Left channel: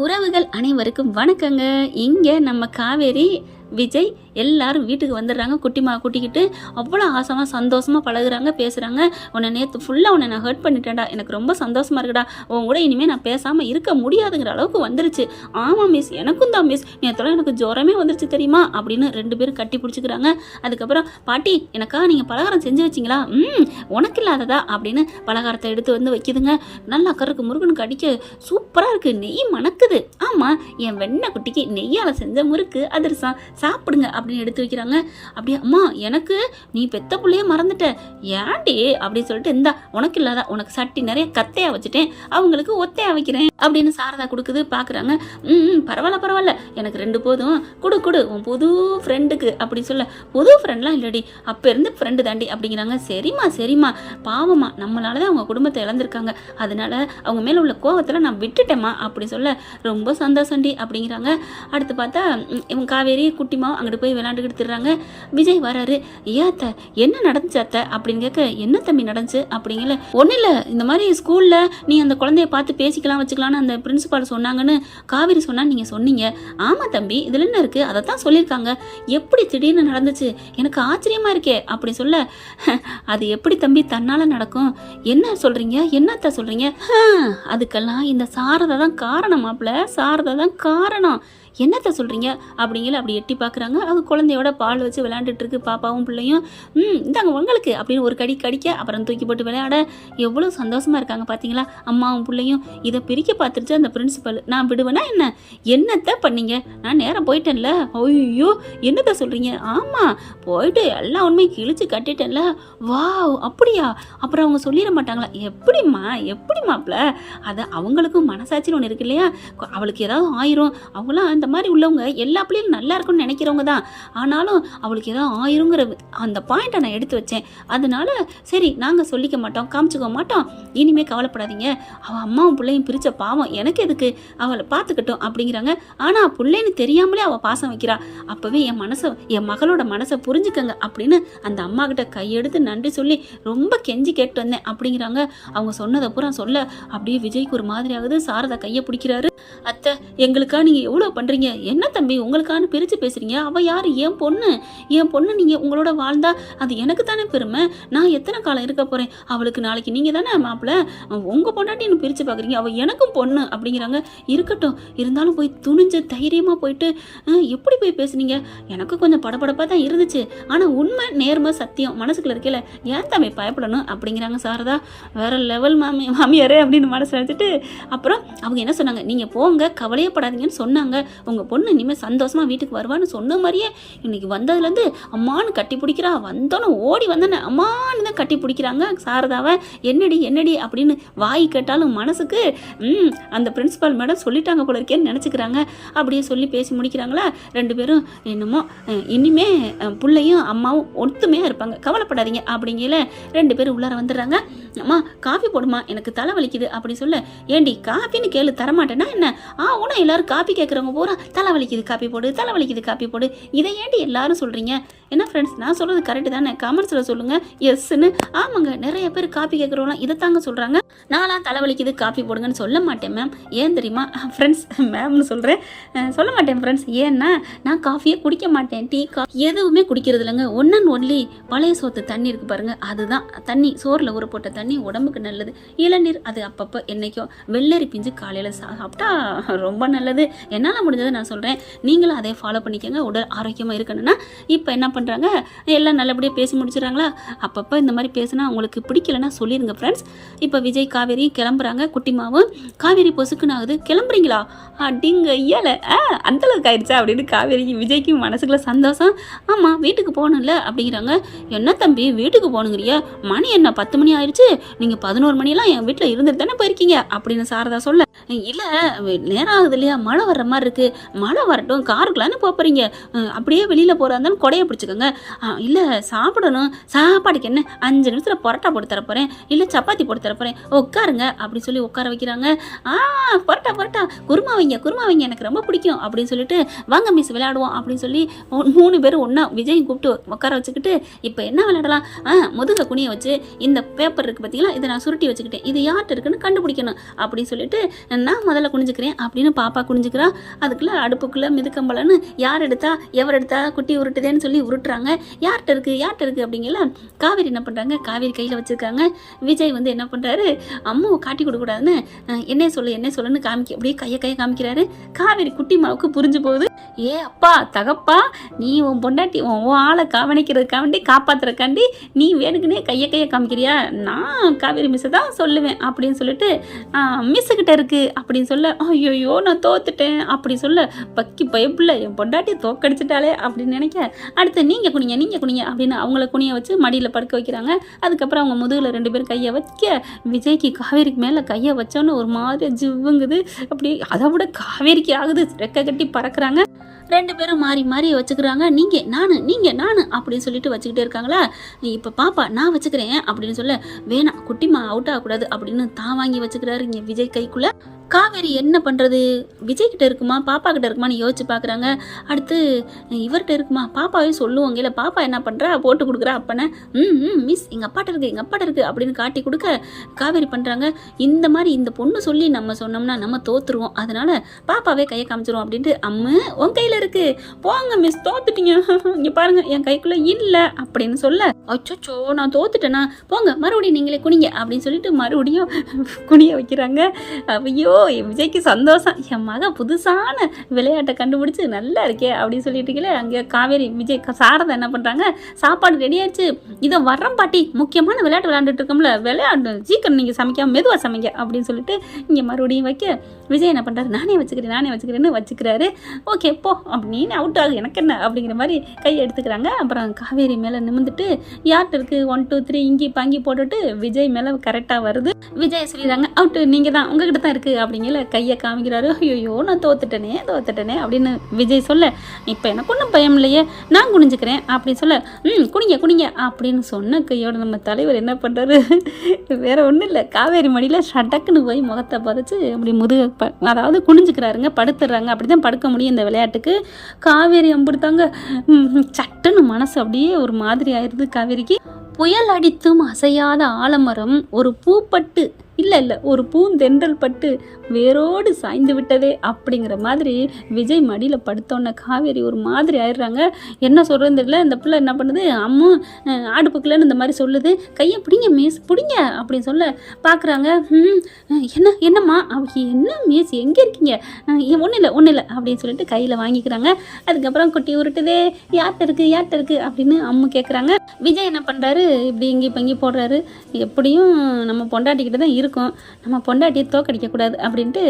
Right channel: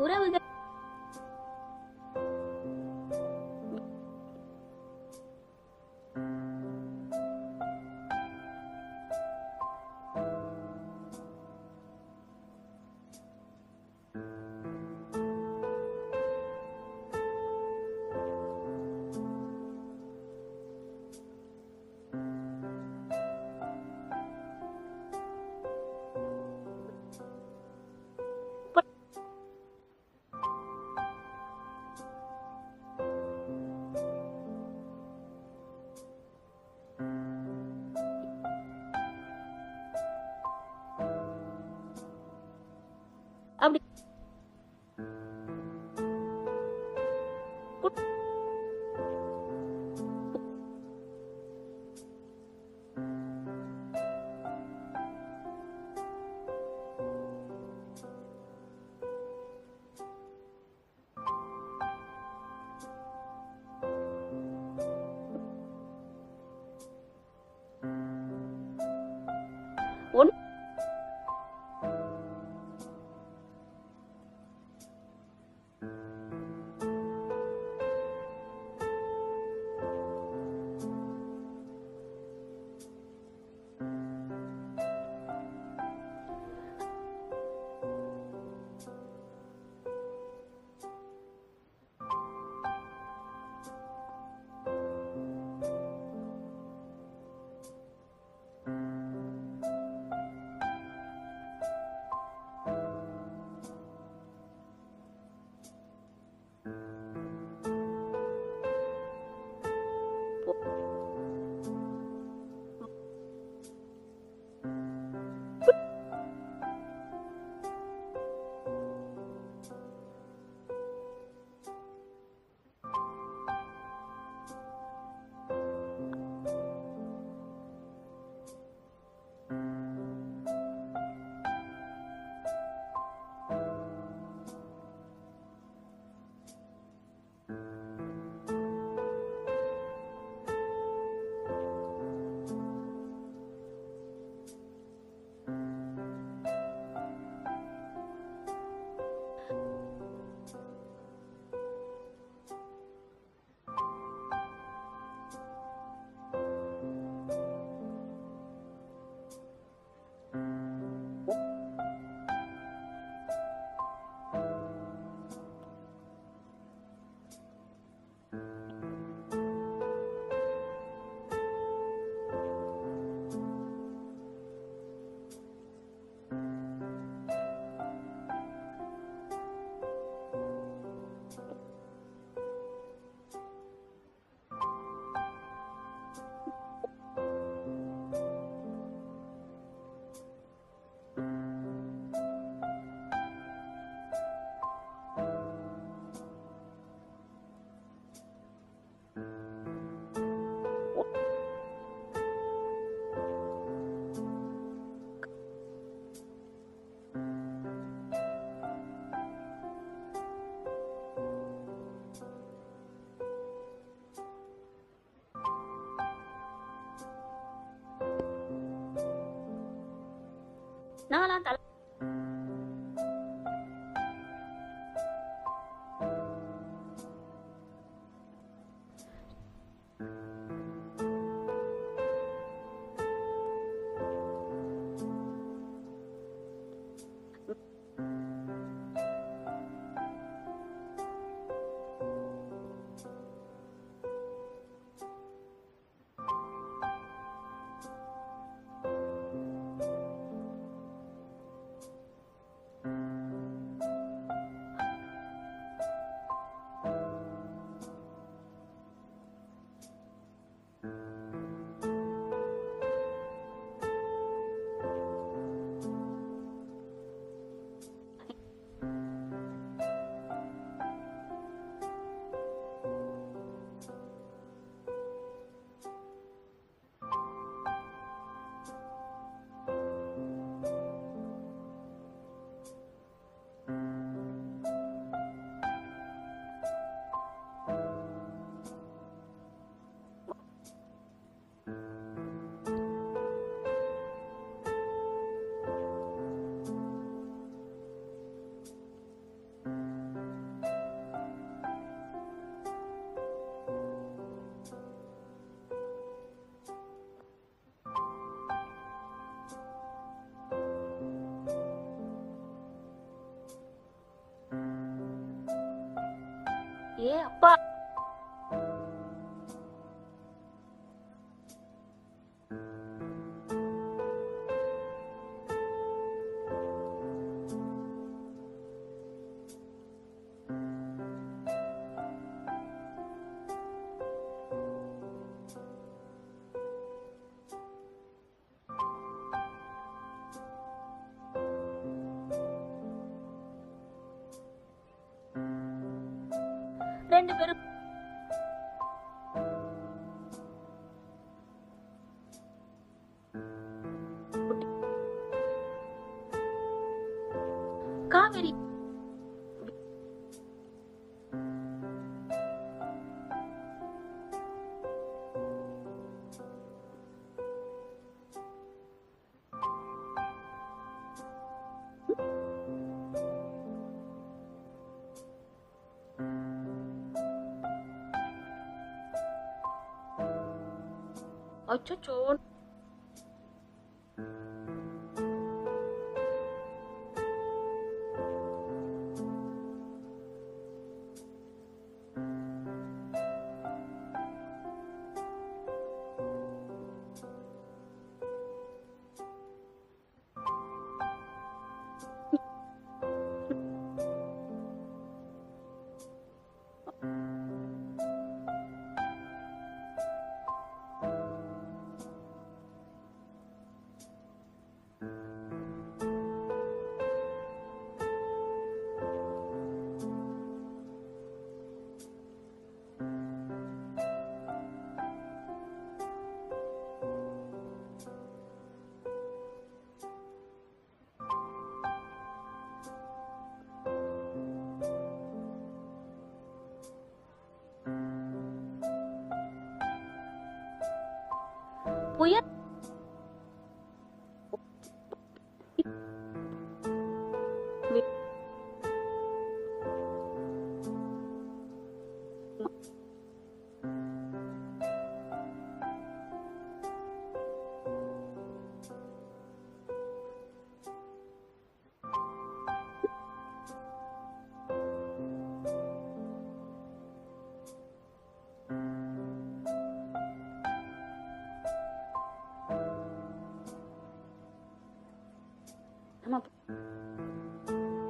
உறவுகள் அனைவருக்கும் வணக்கங்க. இங்கே நம்ம காவேரி விஜய் எல்லாரும் வீட்டுக்கு வந்துடுறாங்க. குட்டிமா கூட்டிக்கிட்டு அவ்வளோ ஆசமாக சந்தோஷமாக பழகுறாங்க, பேசுகிறாங்க. உன்னை நேற்று ஃபுல்லாக உன்னை நான் ஹர்ட் பண்ணிட்டேன்டா, எனக்கு ரொம்ப சந்தோஷமாக இருக்குடா, உன் கூட இனிமேல் நான் பேசாமல் இருக்க முடியாதுங்கிற அளவுக்கு வந்துருச்சு. ஆமாம் மிஸ், எனக்கும் தான் மிஸ், நேற்றுலாம் எனக்கு ஜுரமே வந்துருச்சு தெரியுமா அப்படின்னு 2 பேரும் கட்டி பிடிச்சிக்கிறாங்க. அதுக்கப்புறம் பாட்டி எனக்காக நீங்கள் பலகாரம் செஞ்சு வச்சிங்களா? உனக்கு இல்லாததா அப்படின்னு பலகாரத்தை எடுத்து வந்து வைக்குதுங்க. நல்லா கருக்கு முருகனுக்கு கடிக்க சூப்பராக இருக்குது, நெய் மணக்குது. ஆமாம், என் வெண்ணெய் குட்டிக்கு நெய்யால் செஞ்ச முறுக்கு அதிரசம், சாப்பிடுங்க அப்படின்னு எடுத்து வைக்கிறாங்க. அப்படியே அம்மா எனக்கு நீ பெத்த புள்ளையே மறந்துட்ட, ஏன்டி அப்படின்னு சொல்லிட்டு, இந்தா உனக்கு இல்லாத உனக்கு சட்டி நிறைய கத்தையா வச்சுட்டேன், அவங்களுக்கு ஒத்தையா வைக்கிறேன் அப்படின்னு சாரதா கொடுக்குது. பார்க்குறாங்க. பரவாயில்ல எனக்கு 2 போதும், கொடு உன் புது ஃப்ரெண்டுக்கு அப்படின்னு சொல்ல. புது ஃப்ரெண்ட்லாம் இல்லடி, அப்போ இருந்து ஃப்ரெண்டு தாண்டி அப்படிங்கிறாங்க. சரிம்மா பாவம்மா, நம்மளால தான் அவங்க குடும்பத்தை இழந்திருக்காங்க, அதனால அவங்க மேலே உள்ள கோவத்தில் நான் விட்டுட்டேம்மா அப்படி சொல்ல. ரொம்ப சந்தோஷம்டி அப்படிங்கிறாங்க. அடுத்து பார்த்தா இவங்க காவேரி குட்டிமா அங்கிட்டு போய் விளையாண்டுக்கிட்டு திடுறாங்க. விஜய் வராரு. ஏத்த என்ன நடந்துச்சு அத்தை அப்படின்னு கேட்க, என்ன தம்பி நடந்துச்சு அப்படிங்கல. ஒன்றும் இல்லை, இந்த மாதிரி ஸ்கூலில் நீ அந்த குழந்தைய பார்த்து பேசிக்கலாம் வச்சுக்கலான்னு அந்த பிரின்சிபால் சொன்னாங்கன்னு காவேரி சொன்னா நீங்கள் சொன்னீங்க. ஆமாம் தம்பி, இதில் என்ன இருக்குது, அதை தான் சொல்லியிருக்காங்க. எப்படி திடீர்னு நடந்துச்சு, எனக்கு ஆச்சரியமாக இருக்கே அப்படி சொல்ல. அது எப்படி தம்பி தன்னால் நடக்கும், என்ன சொல்கிறீங்க, என்னத்த சொல்கிறீங்க? அதுக்கெல்லாம் இந்த சாரதா தான் காரணம் மாப்பிள்ள, சாரதா தான் காரணம். என்னத்த சொல்கிறீங்க அப்படிங்கிற அப்படி எட்டி பார்க்குறாங்க. அது குழந்தையோட பால் வச்சு விளையாண்டுட்டு இருக்கு பாப்பாவும் பிள்ளையும். இந்தாங்க உங்களுக்கு அப்படின்னு ஒரு கடி கடிக்க, அப்புறம் தூக்கி போட்டு விளையாட எவ்வளோ சந்தோஷமாக இருக்காங்க பார்த்தீங்களா அம்மாவும் பிள்ளையும். இதை பிரிக்க பார்த்துருச்சு அந்த பிரின்சிபல். நான் விடுவேனா என்னத்த பண்ணீங்க, நான் நேரம் போயிட்டேன்ல. ஐயோ என்னத்த சொல்கிறீங்க? ஆமாம் போயிட்டு எல்லா உண்மையும் கிழிச்சு கட்டிட்டேன்ல. வாவ் அப்படியா, அப்புறம் அவங்க சொல்லிட மாட்டாங்களா? எப்படி மாப்பிள்ள, அதை அவங்களுக்கும் மனசாட்சின்னு ஒன்று இருக்கு இல்லையா? அவளுக்கு ஏதாவது ஆயிரும், அவங்களாம் இந்த மாதிரி உள்ளவங்க எல்லா பிள்ளைகளும் நல்லா இருக்குன்னு நினைக்கிறவங்க தான். ஆனாலும் அவளுக்கு ஏதாவது ஆயிருங்கிற அந்த பாயிண்ட்டை நான் எடுத்து வச்சேன். அதனால சரி நாங்கள் சொல்லிக்க மாட்டோம், காமிச்சிக்க மாட்டோம், இனிமேல் கவலைப்படாதீங்க, அவள் அம்மாவும் பிள்ளையும் பிரித்த பாவம் எனக்கு எதுக்கு, அவளை பார்த்துக்கட்டும் அப்படிங்கிறாங்க. ஆனால் பிள்ளைன்னு தெரியாமலே அவள் பாசம் வைக்கிறா. அப்போவே என் மகளோட மனசை புரிஞ்சுக்கங்க அப்படின்னு அந்த அம்மா கிட்ட கையெடுத்து நன்றி சொல்லி ரொம்ப கெஞ்சி கேட்டு வந்தேன் அப்படிங்கிறாங்க. அவங்க சொன்னதை பூரா சொல்ல அப்படியே விஜய்க்கு ஒரு மாதிரி ஆகுது. சாரதா கையை பிடிக்கிறாரு. அத்தை எங்களுக்கா நீங்கள் எவ்வளோ பண்ணுறீங்க, என்ன தம்பி உங்களுக்கான பிரித்து பேசுகிறீங்க, அவள் யார், என் பொண்ணு நீங்கள் உங்களோட வாழ்ந்தா அது எனக்கு தானே பெருமை, நான் எத்தனை காலம் இருக்க போகிறேன், அவளுக்கு நாளைக்கு நீங்கள் தானே மாப்பிள்ள, உங்கள் பொண்டாட்டி என்ன பிரித்து பார்க்குறீங்க, அவள் எனக்கும் பொண்ணு அப்படிங்கிறாங்க. இருக்கட்டும், இருந்தாலும் போய் துணிஞ்சு தைரியமாக போயிட்டு எப்படி போய் பேசுனீங்க, எனக்கு கொஞ்சம் படபடப்பாக தான் இருந்துச்சு, ஆனால் உண்மை நேர்மை சத்தியம் மனசுக்குள்ள இருக்கல, ஏன் தம்பி பயப்படணும் அப்படிங்கிறாங்க. சாரதா வேற லெவல் மாமியாரே அப்படின்னு மனசு நினச்சிட்டு அப்புறம் அவங்க என்ன சொன்னாங்க, நீங்கள் போங்க கவலையப்படாதீங்கன்னு சொன்னாங்க, உங்கள் பொண்ணு இனிமேல் சந்தோஷமாக வீட்டுக்கு வருவான்னு சொன்ன மாதிரியே இன்னைக்கு வந்ததுலேருந்து அம்மானு கட்டி பிடிக்கிறா. வந்தோன்னு ஓடி வந்தேன்னு அம்மானு தான் கட்டி பிடிக்கிறாங்க சாரதாவை. என்னடி அப்படின்னு வாய் கேட்டாலும் மனசுக்கு அந்த பிரின்சிபால் மேடம் சொல்லிட்டாங்க போல இருக்கேன்னு நினச்சிக்கிறாங்க. அப்படியே சொல்லி பேசி முடிக்கிறாங்களா 2 பேரும். என்னமோ இனிமே பிள்ளையும் அம்மாவும் ஒத்துமையாக இருப்பாங்க, கவலைப்படாதீங்க அப்படிங்கல 2 பேரும் உள்ளார வந்துடுறாங்க. அம்மா காஃபி போடுமா, எனக்கு தலை வலிக்குது அப்படி சொல்ல. ஏண்டி காஃபின்னு கேளு தரமாட்டேன்னா என்ன? உன எல்லாரும் காஃபி கேட்குறவங்க பூரா தலை வலிக்குது காப்பி போடு, இதை ஏண்டி எல்லாரும் சொல்கிறீங்க? என்ன ஃப்ரெண்ட்ஸ், நான் சொல்கிறது கரெக்டு தானே? கமெண்ட்ஸில் சொல்லுங்கள் எஸ்ன்னு. ஆமாங்க, நிறைய பேர் காப்பி கேட்குறவங்களாம் இதை தாங்க சொல்கிறாங்க. நான்லாம் தலைவலிக்குது காப்பி போடுங்கன்னு சொல்ல மாட்டேன் மேம். ஏன் தெரியுமா ஃப்ரெண்ட்ஸ், மேம்னு சொல்கிறேன், சொல்ல மாட்டேன் ஃப்ரெண்ட்ஸ். ஏன்னா நான் காஃபியே குடிக்க மாட்டேன், டீ காஃபி எதுவுமே குடிக்கிறது இல்லைங்க. ஒன்லி பழைய சோத்து தண்ணி இருக்குது பாருங்கள், அதுதான் தண்ணி, சோறில் ஊற போட்ட தண்ணி உடம்புக்கு நல்லது. இளநீர் அது அப்பப்போ என்னைக்கோ, வெள்ளரி பிஞ்சு காலையில் சாப்பிட்டா ரொம்ப நல்லது. என்னால் முடிஞ்சதை நான் சொல்கிறேன், நீங்களும் அதே ஃபாலோ பண்ணிக்கோங்க. உடல் ஆரோக்கியமாக இருக்கணும்னா. இப்போ என்ன பண்ணுறாங்க, எல்லாம் நல்லபடியாக பேசி முடிச்சிடறாங்களா? அப்பப்போ இந்த மாதிரி பேசினா உங்களுக்கு பிடிக்கலன்னா சொல்லிடுங்க ஃப்ரெண்ட்ஸ். இப்போ விஜய் காவேரி கிளம்புறாங்க. குட்டிமாவும் காவேரி பொசுக்குன்னு ஆகுது. கிளம்புறீங்களா அப்படிங்க ஐயால அந்தளவுக்கு ஆயிடுச்சா அப்படின்னு காவேரிக்கு விஜய்க்கும் மனசுக்குள்ள சந்தோஷம். ஆமாம் வீட்டுக்கு போகணும்ல அப்படிங்கிறாங்க. என்ன தம்பி வீட்டுக்கு போகணுங்கிறியா, மணி என்ன 10 மணி ஆயிடுச்சு, நீங்கள் 11 மணிலாம் என் வீட்டில் இருந்துட்டு தானே போயிருக்கீங்க அப்படின்னு சாரதா சொல்ல. இல்லை நேரம் ஆகுது இல்லையா, மழை வர்ற மாதிரி இருக்குது, மழை வரட்டும் காருக்குள்ளான்னு போகிறீங்க, அப்படியே வெளியில் போகிறா இருந்தாலும் கொடையை பிடிச்சிக்க வச்சுக்கோங்க. இல்லை சாப்பிடணும், சாப்பாடுக்கு என்ன 5 நிமிஷத்தில் பரோட்டா போட்டு தரப்போகிறேன், இல்லை சப்பாத்தி போட்டு தரப்போகிறேன், உட்காருங்க அப்படின்னு சொல்லி உட்கார வைக்கிறாங்க. பரோட்டா பரோட்டா குருமா வைங்க எனக்கு ரொம்ப பிடிக்கும் அப்படின்னு சொல்லிட்டு வாங்க மிஸ் விளையாடுவோம் அப்படின்னு சொல்லி 3 பேரும் ஒன்றா விஜய் கூப்பிட்டு உட்கார வச்சுக்கிட்டு இப்போ என்ன விளையாடலாம், முதுக குனிய வச்சு இந்த பேப்பர் இருக்குது பார்த்தீங்களா, இதை நான் சுருட்டி வச்சுக்கிட்டேன், இது யார்கிட்ட இருக்குன்னு கண்டுபிடிக்கணும் அப்படின்னு சொல்லிட்டு நான் முதல்ல குனிஞ்சுக்கிறேன் அப்படின்னு பாப்பா குனிஞ்சுக்கிறா. அதுக்குள்ளே அடுப்புக்குள்ளே மிதுக்கம்பலன்னு யார் எடுத்தா எவர் எடுத்தா குட்டி உருட்டுதேன்னு சொல்லி உருட்டுறாங்க. யார்கிட்ட இருக்குது அப்படிங்கல காவேரி என்ன பண்ணுறாங்க, காவேரி கையில் வச்சுருக்காங்க. விஜய் வந்து என்ன பண்ணுறாரு, அம்மாவை காட்டி கொடுக்கூடாதுன்னு என்ன சொல்லுன்னு அப்படியே கையை காமிக்கிறாரு. காவேரி குட்டி மாவுக்கு புரிஞ்சு போகுது. ஏ அப்பா தகப்பா, நீ உன் பொண்டாட்டி உன் ஆளை கவனிக்கிறதுக்காண்டி காப்பாற்றுறக்காண்டி நீ வேணுக்குன்னே கையை காமிக்கிறியா, நான் காவேரி மிஸ்ஸை தான் சொல்லுவேன் அப்படின்னு சொல்லிட்டு மிஸ்ஸுக்கிட்ட இருக்குது அப்படின்னு சொல்ல, ஐயோ நான் தோத்துட்டேன் அப்படி சொல்ல, பக்கி பயப்பில்லை என் பொண்டாட்டி தோக்கடிச்சிட்டாலே அப்படின்னு நினைக்க, அடுத்து நீங்கள் குனிங்க அப்படின்னு அவங்கள குனிய வச்சு மடியில் படுக்க வைக்கிறாங்க. அதுக்கப்புறம் அவங்க முதுகில் 2 பேரும் கையை வைக்க, விஜய்க்கு காவேரிக்கு மேலே கையை வச்சோன்னு ஒரு மாதிரி ஜிவ்வுங்குது. அப்படி அதை விட காவேரிக்கு ஆகுது, ரெக்கை கட்டி பறக்கிறாங்க. 2 பேரும் மாறி வச்சுக்கிறாங்க. நீங்கள் நான் அப்படின்னு சொல்லிட்டு வச்சுக்கிட்டே இருக்காங்களா. இப்போ பாப்பா நான் வச்சுக்கிறேன் அப்படின்னு சொல்ல, வேணாம் குட்டிமா அவுட் ஆகக்கூடாது அப்படின்னு தான் வாங்கி வச்சுக்கிறாரு இங்கே விஜய் கைக்குள்ளே. காவேரி என்ன பண்ணுறது, விஜய்கிட்ட இருக்குமா பாப்பா கிட்ட இருக்குமான்னு யோசிச்சு பார்க்குறாங்க. அடுத்து இவர்கிட்ட இருக்குமா, பாப்பாவே சொல்லுவாங்க, இல்லை பாப்பா என்ன பண்ணுறா போட்டு கொடுக்குறா அப்பனை, மிஸ் எங்கள் அப்பாட்ட இருக்குது அப்படின்னு காட்டி கொடுக்க காவேரி பண்ணுறாங்க. இந்த மாதிரி இந்த பொண்ணு சொல்லி நம்ம சொன்னோம்னா நம்ம தோற்றுருவோம், அதனால் பாப்பாவே கையை காமிச்சிருவோம் அப்படின்ட்டு, உன் கையில் இருக்குது போங்க மிஸ் தோத்துட்டீங்க, இங்கே பாருங்கள் என் கைக்குள்ளே இல்லை அப்படின்னு சொல்ல, அச்சோ நான் தோத்துட்டேனா, போங்க மறுபடியும் நீங்களே குனிங்க அப்படின்னு சொல்லிட்டு மறுபடியும் குனிய வைக்கிறாங்க. ஐயோ விஜய்க்கு சந்தோஷம், என் மக புதுசான விளையாட்டை கண்டுபிடிச்சி நல்லா இருக்கே அப்படின்னு சொல்லிட்டு இருக்கல. அங்கே காவேரி விஜய் சாரதா என்ன பண்ணுறாங்க, சாப்பாடு ரெடி ஆயிடுச்சு, இதை வர்றோம் பாட்டி முக்கியமான விளையாட்டு விளையாண்டுட்டு இருக்கோம்ல, விளையாடு சீக்கிரம் நீங்கள் சமைக்காம மெதுவாக சமைக்க அப்படின்னு சொல்லிட்டு இங்கே மறுபடியும் வைக்க, விஜய் என்ன பண்ணுறாரு, நானே வச்சுக்கிறேன்னு வச்சுக்கிறாரு. ஓகே போ அப்படின்னு அவுட் ஆகு எனக்கு என்ன அப்படிங்கிற மாதிரி கையை எடுத்துக்கிறாங்க. அப்புறம் காவேரி மேலே நிமிந்துட்டு யார்கிட்ட இருக்குது 1 2 3 இங்கி பாங்கி போட்டுட்டு விஜய் மேலே கரெக்டாக வருது. விஜய் சொல்லிடுறாங்க அவுட்டு நீங்கள் தான் உங்ககிட்ட தான் இருக்குது அப்படிங்கிற கையை காமிக்கிறாரு. ஐயோ நான் தோத்துட்டேனே அப்படின்னு விஜய் சொல்ல, இப்போ எனக்கு ஒன்றும் பயம் இல்லையே நான் குனிஞ்சுக்கிறேன் அப்படின்னு சொல்ல, குனிங்க அப்படின்னு சொன்ன கையோட நம்ம தலைவர் என்ன பண்ணுறாரு, வேற ஒன்றும் இல்லை, காவேரி மடியில் ஷடக்குன்னு போய் முகத்தை பறிச்சு அப்படி அதாவது குனிஞ்சுக்கிறாருங்க, படுத்துடுறாங்க. அப்படி தான் படுக்க முடியும் இந்த விளையாட்டுக்கு. காவேரி அம்பிடுத்தாங்க, சட்டுன்னு மனசு அப்படியே ஒரு மாதிரி ஆயிடுது காவேரிக்கு. புயல் அடித்தும் அசையாத ஆலமரம் ஒரு பூப்பட்டு இல்லை ஒரு பூந்தென்றல் பட்டு வேரோடு சாய்ந்து விட்டதே அப்படிங்கிற மாதிரி விஜய் மடியில் படுத்தோன்ன காவேரி ஒரு மாதிரி ஆயிடுறாங்க. என்ன சொல்கிறது தெரியல. இந்த பிள்ளை என்ன பண்ணுது, அம்மா ஆடுப்புக்குள்ளன்னு இந்த மாதிரி சொல்லுது, கையை பிடிங்க மிஸ் பிடிங்க அப்படின்னு சொல்ல பார்க்குறாங்க. என்னம்மா என்ன மிஸ் எங்கே இருக்கீங்க, ஒன்றும் இல்லை அப்படின்னு சொல்லிட்டு கையில் வாங்கிக்கிறாங்க. அதுக்கப்புறம் குட்டி உருட்டுதே யார்கிட்ட இருக்குது அப்படின்னு அம்மு கேட்குறாங்க. விஜய் என்ன பண்ணுறாரு, இப்படி இங்கி போடுறாரு, எப்படியும் நம்ம பொண்டாட்டிக்கிட்ட தான் இருக்கும், நம்ம பொண்டாட்டியை தோக்கடிக்கக்கூடாது அப்படின்ட்டு,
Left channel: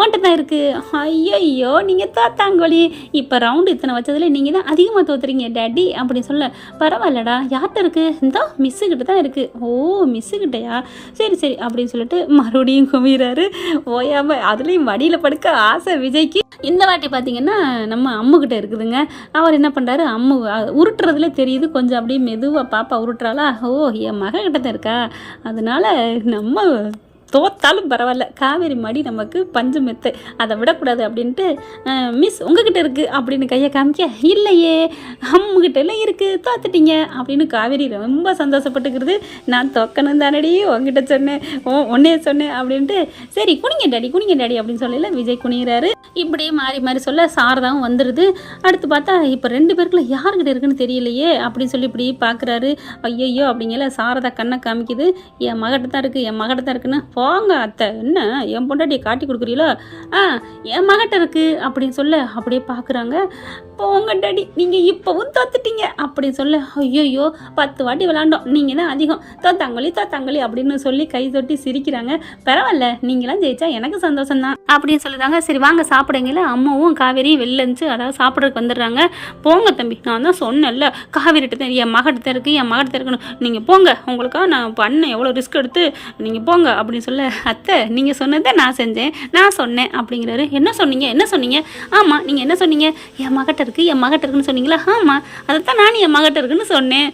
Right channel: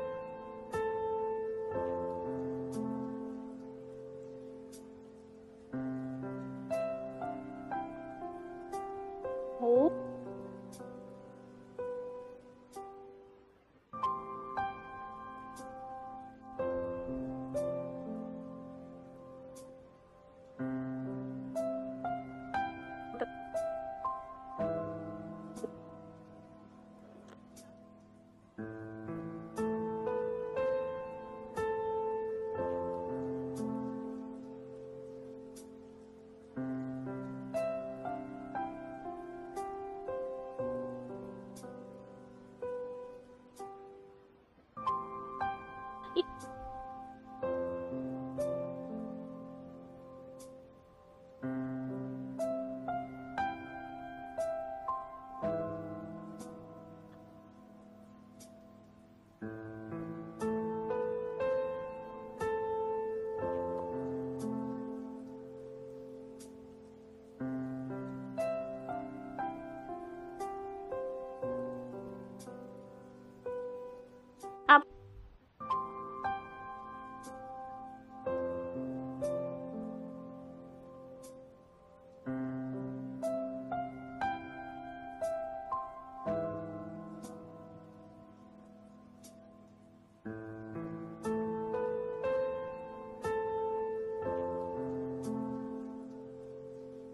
ஓன்ட்ட தான் இருக்குது, ஐயோ நீங்கள் தோத்தாங்கோழி, இப்போ ரவுண்டு இத்தனை வச்சதில் நீங்கள் தான் அதிகமாக தோத்துறீங்க டேடி அப்படின்னு சொல்ல, பரவாயில்லடா யார்கிட்ட இருக்குது, இந்த மிஸ்ஸுக்கிட்ட தான் இருக்குது. ஓ மிஸ்ஸுக்கிட்டையா, சரி அப்படின்னு சொல்லிட்டு மறுபடியும் குமிறாரு. ஓயாமல் அதுலேயும் மடியில் படுக்க ஆசை விஜய்க்கு. இந்த வாட்டி பார்த்தீங்கன்னா நம்ம அம்முக்கிட்ட இருக்குதுங்க. அவர் என்ன பண்ணுறாரு, அம்மு உருட்டுறதுல தெரியுது, கொஞ்சம் அப்படியே மெதுவாக பாப்பா உருட்டுறாளா, ஓ என் மகக்கிட்ட தான் இருக்கா, அதனால நம்ம தோத்தாலும் பரவாயில்ல, காவேரி மடி நமக்கு பஞ்சு மெத்தை, அதை விடக்கூடாது அப்படின்ட்டு, மிஸ் உங்ககிட்ட இருக்குது அப்படின்னு கையை காமிக்க, இல்லையே அம்முகிட்ட எல்லாம் இருக்குது தோத்துட்டீங்க அப்படின்னு காவேரி ரொம்ப சந்தோஷப்பட்டுக்கிறது. நான் தோக்கணும் தானடி உங்ககிட்ட சொன்னேன், ஒன்னே சொன்னேன் அப்படின்ட்டு, சரி குனிங்க டாடி அப்படின்னு சொல்லல விஜய் குனிகிறாரு. இப்படியே மாறி சொல்ல சாரதாவும் வந்துடுது. அடுத்து பார்த்தா இப்போ 2 பேருக்குள்ள யாருக்கிட்ட இருக்குன்னு தெரியலையே அப்படின்னு சொல்லி இப்படி பார்க்குறாரு. ஐயோ அப்படிங்கல சாரதா கண்ணை காமிக்குது, என் மகிட்ட தான் இருக்குன்னு, போங்க அத்தை என்ன என் பொண்டாட்டியை காட்டி கொடுக்குறீங்களோ, என் மகிட்ட இருக்குது அப்படின்னு சொல்ல அப்படியே பார்க்குறாங்க. போங்க டாடி நீங்கள் இப்போவும் தோத்துட்டீங்க அப்படின்னு சொல்ல, ஐயோ 10 வாட்டி விளாண்டோம் நீங்கள் தான் அதிகம், தோத்தாங்களி அப்படின்னு சொல்லி கை தொட்டி சிரிக்கிறாங்க. பரவாயில்ல நீங்களாம் ஜெயிச்சா எனக்கு சந்தோஷம்தான் அப்படின்னு சொல்லுறாங்க. சரி வாங்க சாப்பிடுங்கள. அம்மாவும் காவேரியும் வெளில இருந்துச்சு, அதாவது சாப்பிட்றதுக்கு வந்துடுறாங்க. போங்க தம்பி நான் தான் சொன்னேன்ல காவேரிட்ட தான் என் மகிட்ட தான் இருக்குன்னு, நீங்கள் போங்க, உங்களுக்காக நான் பண்ண எவ்வளோ ரிஸ்க் எடுத்து நீங்கள் போங்க அப்படின்னு சொல்ல, அத்தை நீங்கள் சொன்னதை நான் செஞ்சேன், நான் சொன்னேன் அப்படிங்கிறாரு. என்ன சொன்னீங்க? ஆமாம், நீங்கள் என்ன சொன்னீங்க? என் மகட்ட இருக்குன்னு சொன்னீங்களா? ஆமாம், அதைத்தான் நானும் என் மகட்ட இருக்குன்னு சொன்னேன்.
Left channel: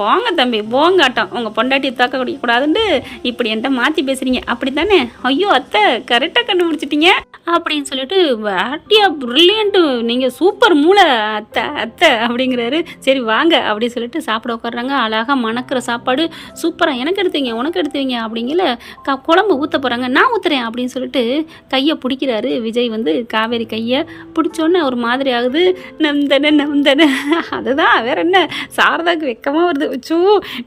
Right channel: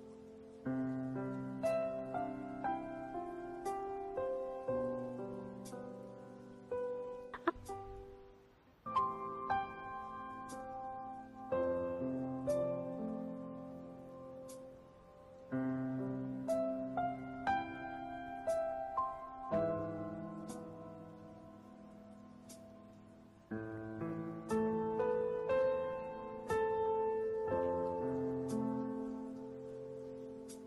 போங்க தம்பி, போங்காட்டம், உங்கள் பொண்டாட்டி தாக்க குடிக்கக்கூடாதுன்னு இப்படி என்கிட்ட மாற்றி பேசுகிறீங்க அப்படி தானே? ஐயோ அத்தை, கரெக்டாக கண்டுபிடிச்சிட்டீங்க அப்படின்னு சொல்லிட்டு, வேட்டியா ப்ரில்லியண்ட்டு, நீங்கள் சூப்பர் மூளை அத்தை அப்படிங்கிறாரு. சரி வாங்க அப்படின்னு சொல்லிட்டு சாப்பிட உட்காடுறாங்க. அழகாக மணக்கிற சாப்பாடு சூப்பராக, எனக்கு எடுத்துவீங்க உனக்கு எடுத்துவீங்க அப்படிங்கிற குழம்பு ஊற்ற போகிறாங்க. நான் ஊற்றுறேன் அப்படின்னு சொல்லிட்டு கையை பிடிக்கிறாரு விஜய். காவேரி கையை பிடிச்சோன்னே ஒரு மாதிரி ஆகுது. நம்தன அதுதான் வேற என்ன, சாரதாவுக்கு வெக்கமாக வருது. வச்சோ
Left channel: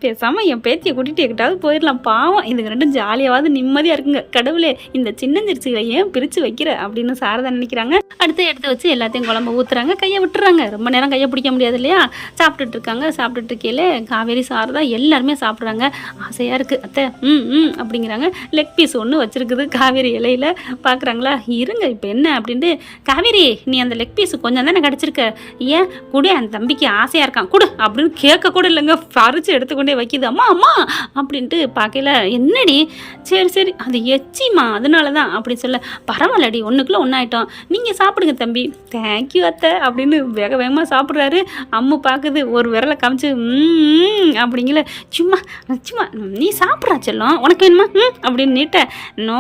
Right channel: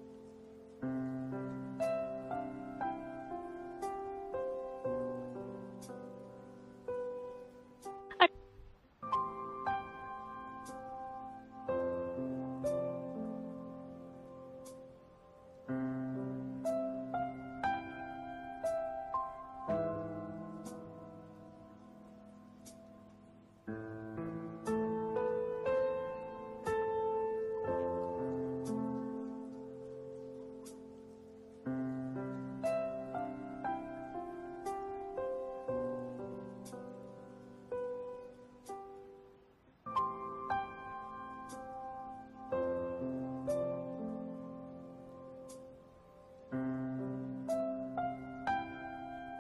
பேசாமல் என் பேத்தியை கூட்டிகிட்டு எங்கிட்டாவது போயிடலாம், பாவம் இதுக்கு ரெண்டும் ஜாலியாவது நிம்மதியாக இருக்குங்க. கடவுளே, இந்த சின்னஞ்சிரிச்சுகளை ஏன் பிரித்து வைக்கிற அப்படின்னு சாரதா நினைக்கிறாங்க. அடுத்து எடுத்து வச்சு எல்லாத்தையும் குழம்பு ஊற்றுறாங்க, கையை விட்டுறாங்க. ரொம்ப நேரம் கையை பிடிக்க முடியாது இல்லையா? சாப்பிட்டுட்டு இருக்காங்க. சாப்பிட்டுட்டு இருக்கையில காவேரி சாரதா எல்லாருமே சாப்பிட்றாங்க. ஆசையாக இருக்குது அத்தை, அப்படிங்கிறாங்க. லெக் பீஸ் ஒன்று வச்சுருக்குது காவேரி இலையில். பார்க்குறாங்களா, இருங்க இப்போ என்ன அப்படின்ட்டு, காவேரி நீ அந்த லெக் பீஸ் கொஞ்சம் தானே கிடச்சிருக்க, ஏன் கூட அந்த தம்பிக்கு ஆசையாக இருக்கான் கொடு அப்படின்னு கேட்க கூட இல்லைங்க, பறித்து எடுத்துக்கொண்டே வைக்கிது. அம்மா அப்படின்ட்டு பார்க்கல. என்னடி, சரி அது எச்சிமா அதனால தான் அப்படி சொல்ல, பரவாயில்லடி ஒன்றுக்குள்ளே ஒன்றாயிட்டோம், நீங்கள் சாப்பிடுங்க தம்பி. தேங்க்யூ அத்தை அப்படின்னு வேகமாக சாப்பிட்றாரு. அம்மு பார்க்குது, ஒரு விரலை காமிச்சு அப்படிங்கல, சும்மா நீ சாப்பிட்றா செல்லம், உனக்கு வேணுமா அப்படின்னு நீட்ட, நோ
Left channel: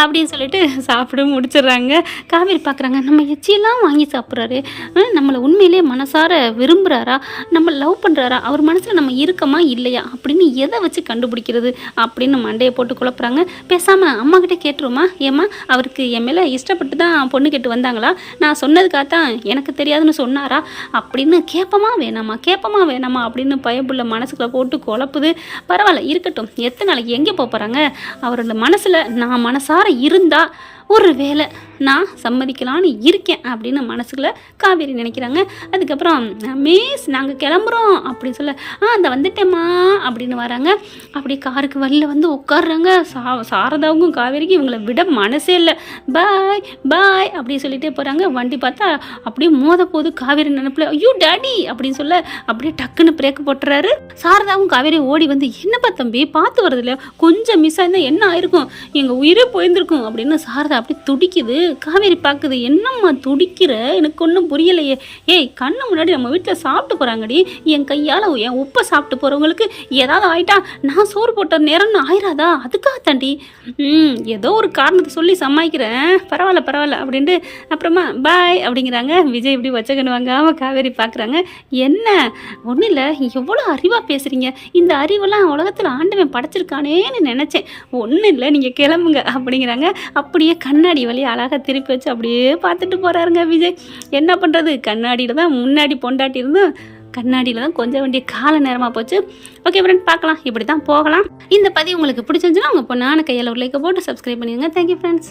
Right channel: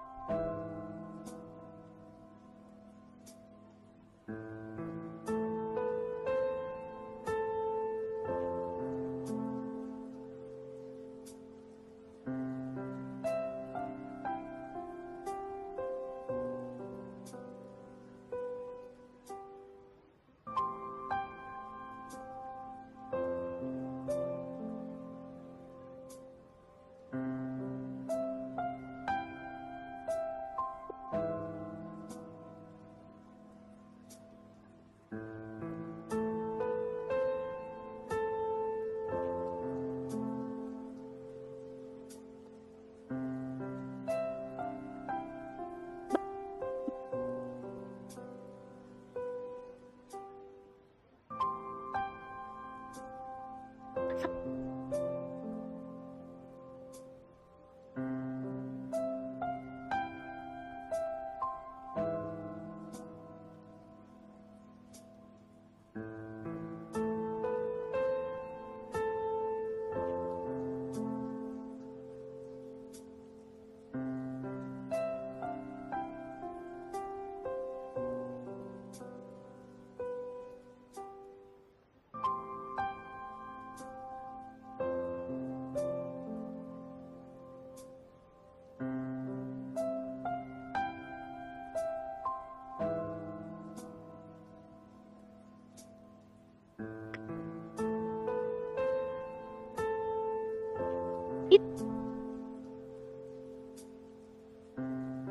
அப்படின்னு சொல்லிட்டு சாப்பிட முடிச்சிடுறாங்க. காவேரி பார்க்குறாங்க, நம்ம எச்சியெல்லாம் வாங்கி சாப்பிட்றாரு, நம்மளை உண்மையிலே மனசார விரும்புகிறாரா, நம்ம லவ் பண்ணுறாரா, அவர் மனசில் நம்ம இருக்கமா இல்லையா அப்படின்னு எதை வச்சு கண்டுபிடிக்கிறது அப்படின்னு மண்டையை போட்டு குழப்புறாங்க. பேசாமல் அம்மாக்கிட்டே கேட்டுருமா, ஏம்மா அவருக்கு என் மேலே இஷ்டப்பட்டு தான் பொண்ணு கேட்டு வந்தாங்களா, நான் சொன்னதுக்காகத்தான் எனக்கு தெரியாதுன்னு சொன்னாரா அப்படின்னு கேட்பமா வேணாமா அப்படின்னு பயப்புள்ள மனசுக்குள்ள போட்டு குழப்புது. பரவாயில்ல இருக்கட்டும், எத்தனை நாளைக்கு எங்கே போகிறாங்க, அவரோட மனசில் நான் மனசார இருந்தா ஒரு வேளை நான் சம்மதிக்கலான்னு இருக்கேன் அப்படின்னு மனசுக்குள்ள காவேரி நினைக்கிறாங்க. அதுக்கப்புறம் மிஸ் நாங்கள் கிளம்புறோம் அப்படின்னு சொல்ல, அந்த வந்துட்டேம்மா அப்படின்னு வராங்க. அப்படி காருக்கு வெளில உட்காடுறாங்க. சாரதாவுக்கும் காவேரிக்கும் இவங்களை விட மனசே இல்லை. பாய் அப்படின்னு சொல்லிட்டே போகிறாங்க. வண்டி பார்த்தா அப்படியே மோத போது. காவேரி நினைப்பில் ஐயோ டாடி அப்படின்னு சொல்ல, அப்படியே டக்குன்னு பிரேக் போட்டுறாரு. சாரதாவும் காவேரி ஓடி என்னப்பா தம்பி பார்த்து வருது இல்லையா, கொஞ்சம் மிஸ் ஆயிருந்தா என்ன ஆயிருக்கும், எங்கள் உயிரே போயிருந்திருக்கும் அப்படின்னு சாரதா அப்படி துடிக்குது. காவேரி பார்க்குது, என்னம்மா துடிக்கிற, எனக்கு ஒன்றும் புரியலையே. ஏய் கண்ணு முன்னாடி நம்ம வீட்டில் சாப்பிட்டு போகிறாங்கடி, என் கையால் என் உப்பை சாப்பிட்டு போகிறவங்களுக்கு ஏதாவது ஆயிட்டா நான் சோறு போட்ட நேரம்னு ஆயிராதா, அதுக்காக தாண்டி ஏதோ ஒரு காரணத்தை சொல்லி சமாளிக்கிறேன், பரவாயில்ல அப்படின்ட்டு அப்புறமா பாய் அப்படிங்கிறாங்க. விஜய் இப்படி வச்சக்கன்னு வாங்காமல் காவேரி பார்க்குறாங்க. என்ன ஒன்றும் இல்லை, எவ்வளோ அறிவாக பேசுகிறீங்க, இந்த அறிவெல்லாம் உலகத்தில் ஆண்டவன் படைச்சிருக்கானேன்னு நினச்சேன், ஒன்றும் இல்லை நீங்கள் கிளம்புங்க அப்படிங்கிறாங்க. அப்படியே கண்ணாடி வழியை அழகாக திருப்பி வச்சு அப்படியே பார்த்துட்டு போகிறாருங்க விஜய். என்ன பண்ணுறது, கண்ணாடியில் தான் முன்னாடி பொண்டாட்டி இருந்தும் கண்ணாடியில் தான் கொஞ்சம் வேண்டிய கால நேரமாக போச்சு. ஓகே ஃப்ரெண்ட், பார்க்கலாம், இப்படி தான் போகலாம். இந்த பதிவு உங்களுக்கு பிடிச்சிருந்துச்சுன்னா உங்கள் பொண்ணான கையில் ஒரு லைக்கை போட்டு சப்ஸ்கிரைப் பண்ணிடுங்க. Thank you friends.